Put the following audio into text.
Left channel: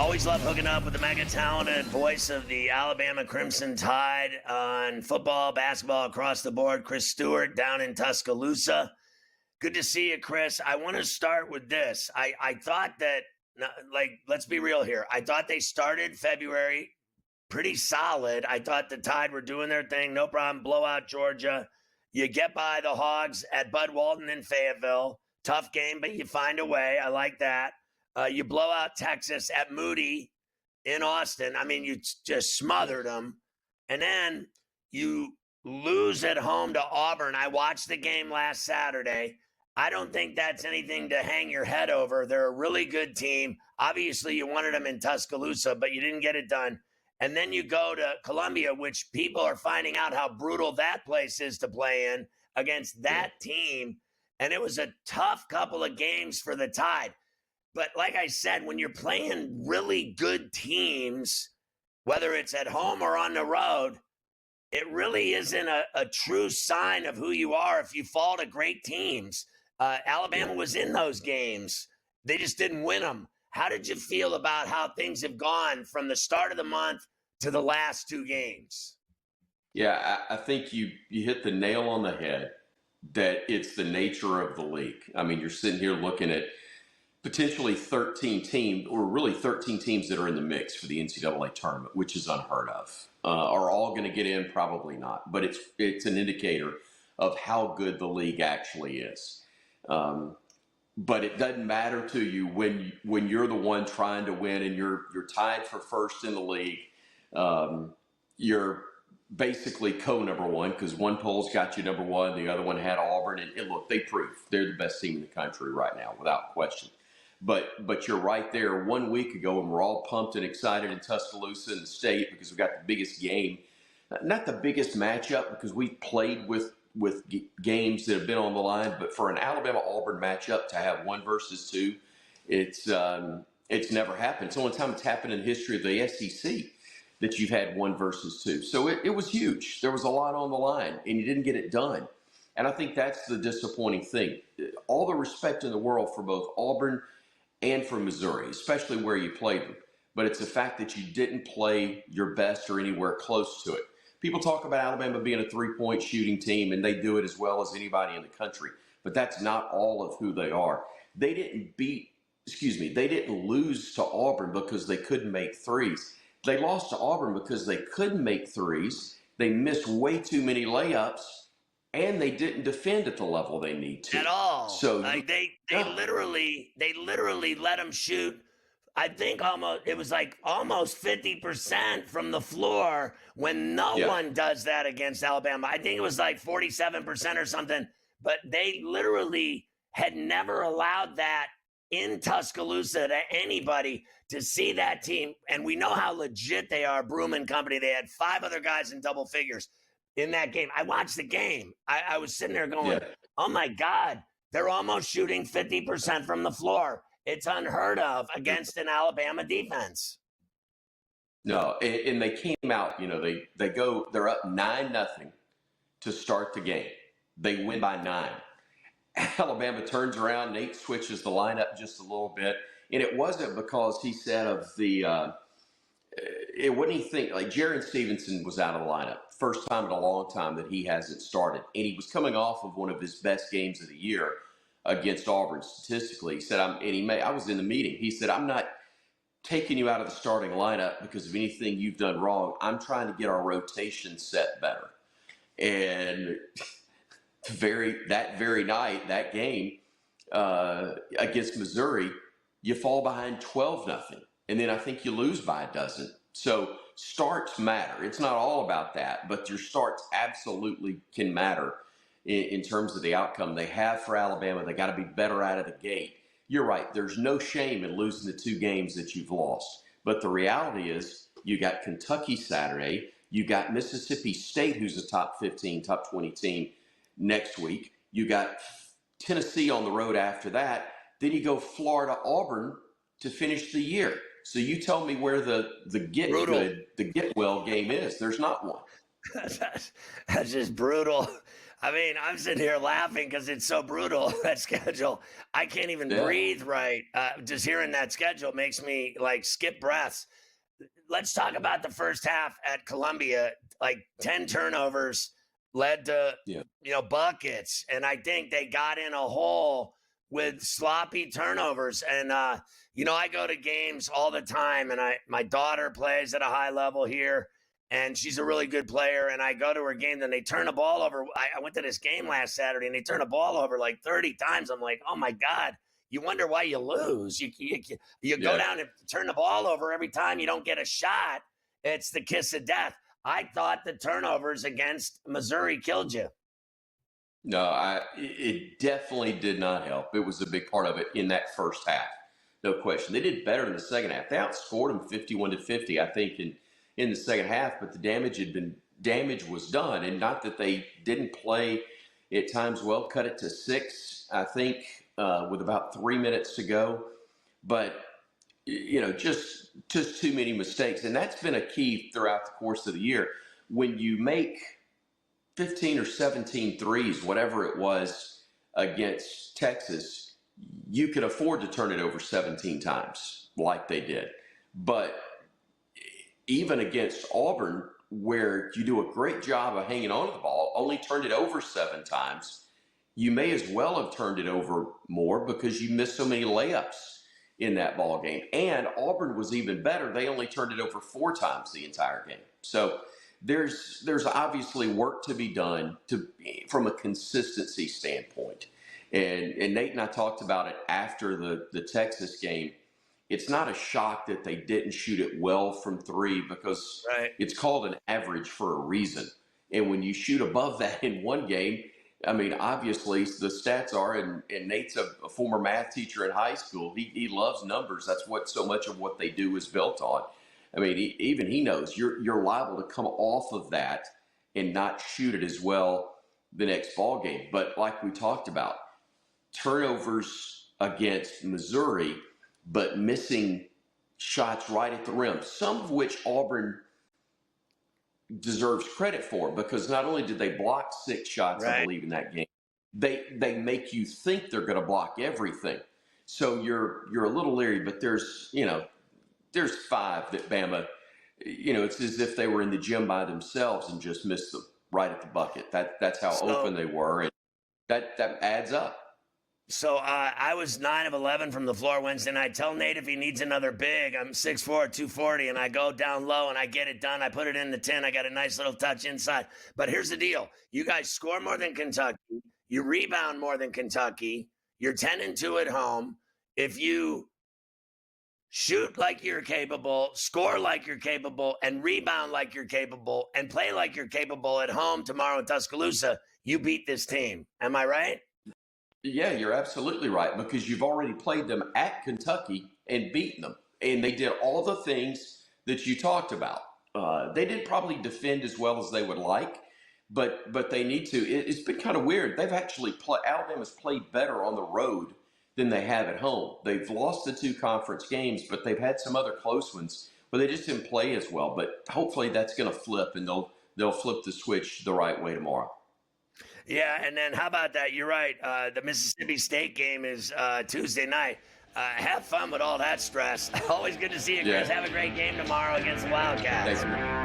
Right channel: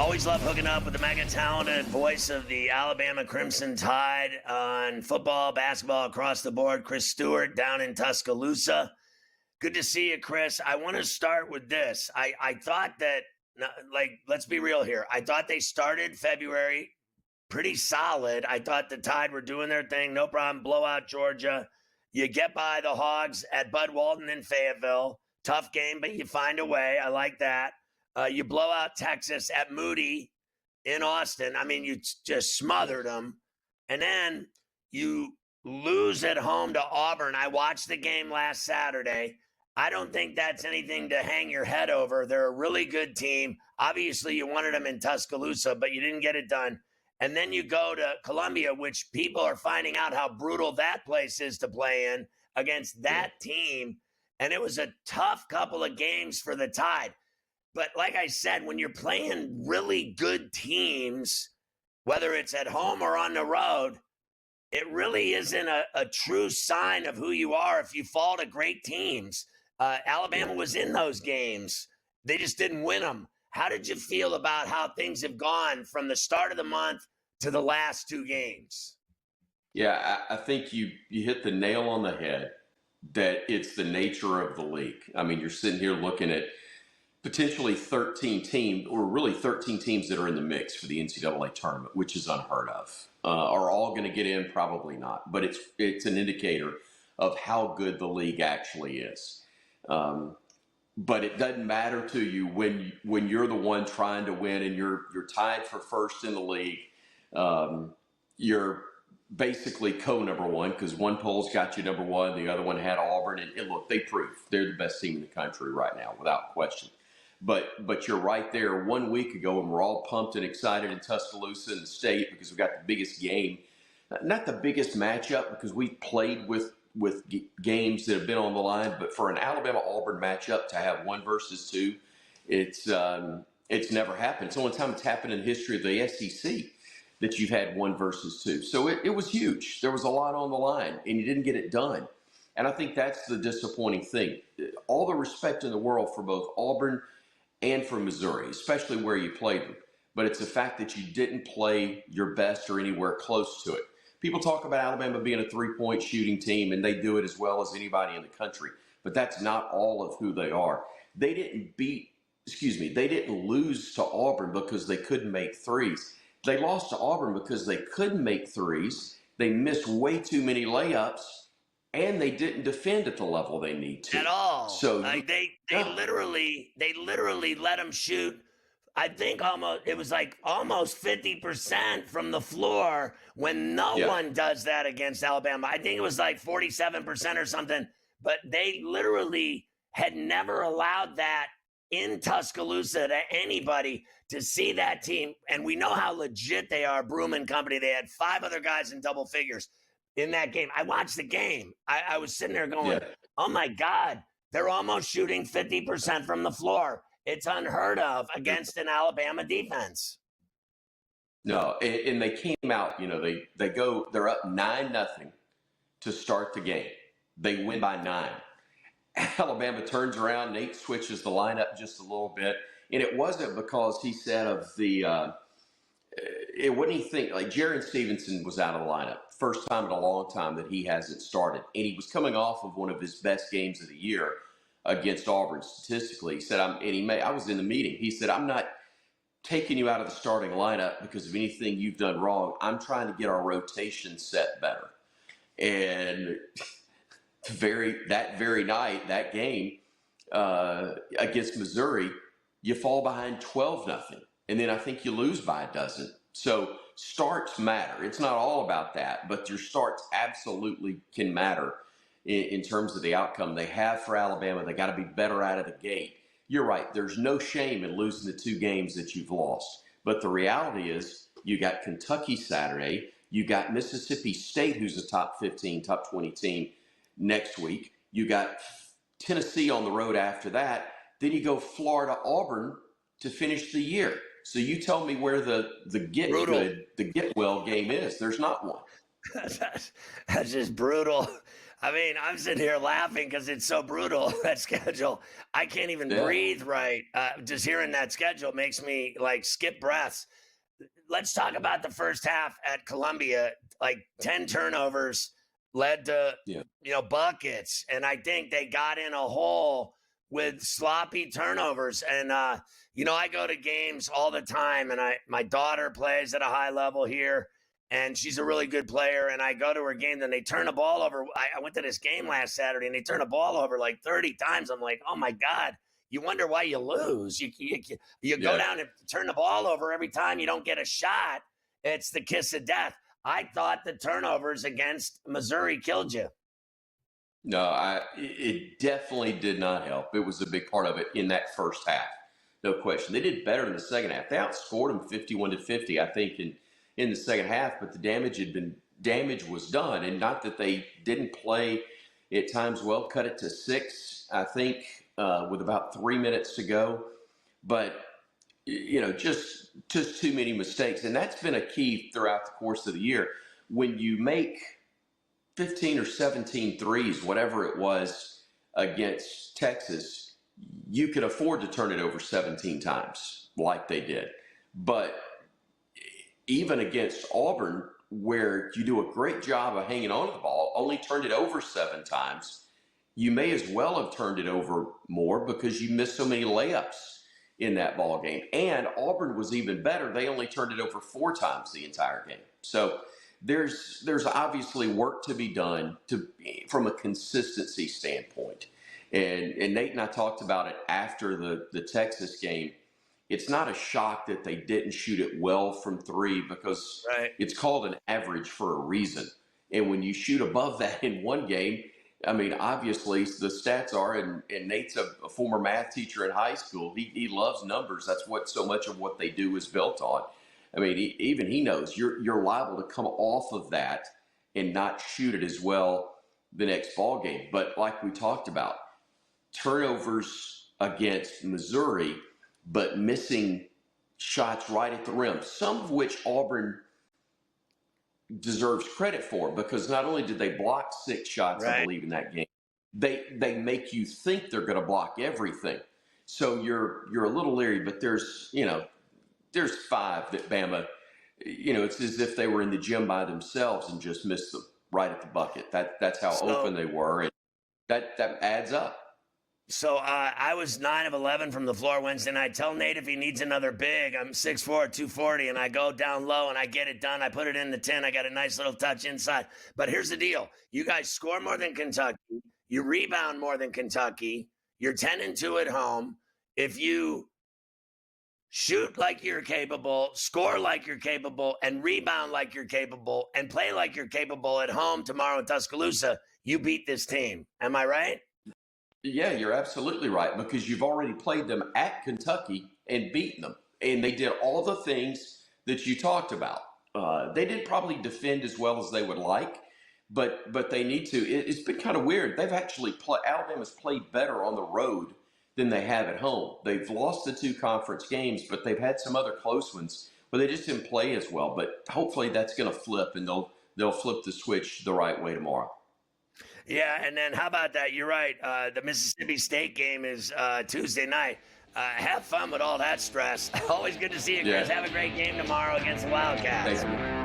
Always love hooking up with the mega talented voice of the Alabama Crimson Tide on football, basketball, across the board, Chris Stewart down in Tuscaloosa. Good to see you, Chris. I want to start with this. I thought that, let's be real here. I thought they started February pretty solid. I thought the Tide were doing their thing. No problem. Blow out Georgia. You get by the Hogs at Bud Walton in Fayetteville. Tough game, but you find a way. I like that. You blow out Texas at Moody in Austin. I mean, you just smothered them. And then you lose at home to Auburn. I watched the game last Saturday. I don't think that's anything to hang your head over. They're a really good team. Obviously, you wanted them in Tuscaloosa, but you didn't get it done. And then you go to Columbia, which people are finding out how brutal that place is to play in against that team. And it was a tough couple of games for the Tide. But like I said, when you're playing really good teams, whether it's at home or on the road, it really isn't a true sign of who you are if you fall to great teams. Alabama was in those games. They just didn't win them. How did you feel about how things have gone from the start of the month to the last two games? Yeah, I think you hit the nail on the head that it's the nature of the league. I mean, you're sitting here looking at potentially 13 teams, or really 13 teams that are in the mix for the NCAA tournament, which is unheard of. Are all going to get in? Probably not. But it's an indicator of how good the league actually is. But it doesn't matter to you when you're the one trying to win and you're tied for first in the league. You're basically co-number one because one poll's got you number one, the other one had Auburn. And look, they prove they're the best team in the country right now, without question. But you're right there 1 week ago, and we're all pumped and excited in Tuscaloosa and the state because we got the biggest game. Not the biggest matchup because we've played with games that have been on the line, but for an Alabama-Auburn matchup to have 1 versus 2, it's never happened. It's the only time it's happened in history of the SEC that you've had 1 versus 2. So it was huge. There was a lot on the line, and you didn't get it done. And I think that's the disappointing thing. All the respect in the world for both Auburn and for Missouri, especially where you played them. But it's the fact that you didn't play your best or anywhere close to it. People talk about Alabama being a 3-point shooting team, and they do it as well as anybody in the country. But that's not all of who they are. They didn't lose to Auburn because they couldn't make threes. They lost to Auburn because they couldn't make threes. They missed way too many layups, and they didn't defend at the level they need to. At all. So they literally let them shoot. I think it was almost 50% from the floor when no one does that against Alabama. I think it was like 47% or something, but they literally had never allowed that in Tuscaloosa to anybody to see that team. And we know how legit they are, Broom and company. They had 5 other guys in double figures in that game. I watched the game. I was sitting there going, oh my God, they're almost shooting 50% from the floor. It's unheard of against an Alabama defense. No, and they came out, they're up 9-0 to start the game. They win by 9. Alabama turns around, Nate switches the lineup just a little bit. And it wasn't because he said what do you think? Like Jaron Stevenson was out of the lineup. First time in a long time that he hasn't started. And he was coming off of one of his best games of the year against Auburn statistically. He said, I was in the meeting. He said, I'm not taking you out of the starting lineup because of anything you've done wrong. I'm trying to get our rotation set better. And that very night, that game against Missouri, you fall behind 12-0. And then I think you lose by a dozen. So starts matter. It's not all about that, but your starts absolutely can matter in terms of the outcome they have for Alabama. They got to be better out of the gate. You're right. There's no shame in losing the 2 games that you've lost. But the reality is you got Kentucky Saturday. You got Mississippi State, who's a top 15, top 20 team next week. You got Tennessee on the road after that. Then you go Florida, Auburn to finish the year. So you tell me where the get well game is. There's not one. That's just brutal. I mean, I'm sitting here laughing because it's so brutal, that schedule. I can't even Yeah. breathe right. Just hearing that schedule makes me like skip breaths. Let's talk about the first half at Columbia. Like 10 turnovers led to, Yeah. buckets. And I think they got in a hole with sloppy turnovers. And, I go to games all the time, and my daughter plays at a high level here, and she's a really good player. And I go to her game, and they turn the ball over. I went to this game last Saturday, and they turn the ball over like 30 times. I'm like, oh my God. You wonder why you lose. You go down and turn the ball over every time you don't get a shot. It's the kiss of death. I thought the turnovers against Missouri killed you. No, it definitely did not help. It was a big part of it in that first half, no question. They did better in the second half. They outscored them 51-50, I think, in the second half. But the damage was done, and not that they didn't play at times well. Cut it to 6, I think, with about 3 minutes to go. But just too many mistakes, and that's been a key throughout the course of the year. When you make 15 or 17 threes, whatever it was, against Texas, you could afford to turn it over 17 times like they did. But even against Auburn, where you do a great job of hanging on to the ball, only turned it over 7 times, you may as well have turned it over more because you missed so many layups in that ball game. And Auburn was even better. They only turned it over 4 times the entire game. So there's obviously work to be done from a consistency standpoint. And Nate and I talked about it after the Texas game. It's not a shock that they didn't shoot it well from 3 because It's called an average for a reason. And when you shoot above that in one game, I mean, obviously the stats are, and Nate's a former math teacher in high school. He loves numbers. That's what so much of what they do is built on. I mean, even he knows you're liable to come off of that and not shoot it as well the next ball game. But like we talked about, turnovers against Missouri, but missing shots right at the rim, some of which Auburn deserves credit for, because not only did they block 6 shots, I believe, in that game, they make you think they're going to block everything. So you're a little leery, but there's 5 that Bama, it's as if they were in the gym by themselves and just missed them right at the bucket. That's how open they were, and that adds up. So I was 9 of 11 from the floor Wednesday night. Tell Nate if he needs another big. I'm 6'4", 240, and I go down low and I get it done. I put it in the 10. I got a nice little touch inside. But here's the deal. You guys score more than Kentucky. You rebound more than Kentucky. You're 10-2 at home. If you shoot like you're capable, score like you're capable, and rebound like you're capable, and play like you're capable at home tomorrow in Tuscaloosa, you beat this team. Am I right? Yeah, you're absolutely right, because you've already played them at Kentucky and beaten them. And they did all the things that you talked about. They didn't probably defend as well as they would like, but they need to. It's been kind of weird. They've actually Alabama's played better on the road than they have at home. They've lost the 2 conference games, but they've had some other close ones where they just didn't play as well. But hopefully that's going to flip, and they'll flip the switch the right way tomorrow. Yeah, and then how about that? You're right. The Mississippi State game is Tuesday night. Have fun with all that stress. Always good to see you guys. Have a great game tomorrow against the Wildcats. Thanks.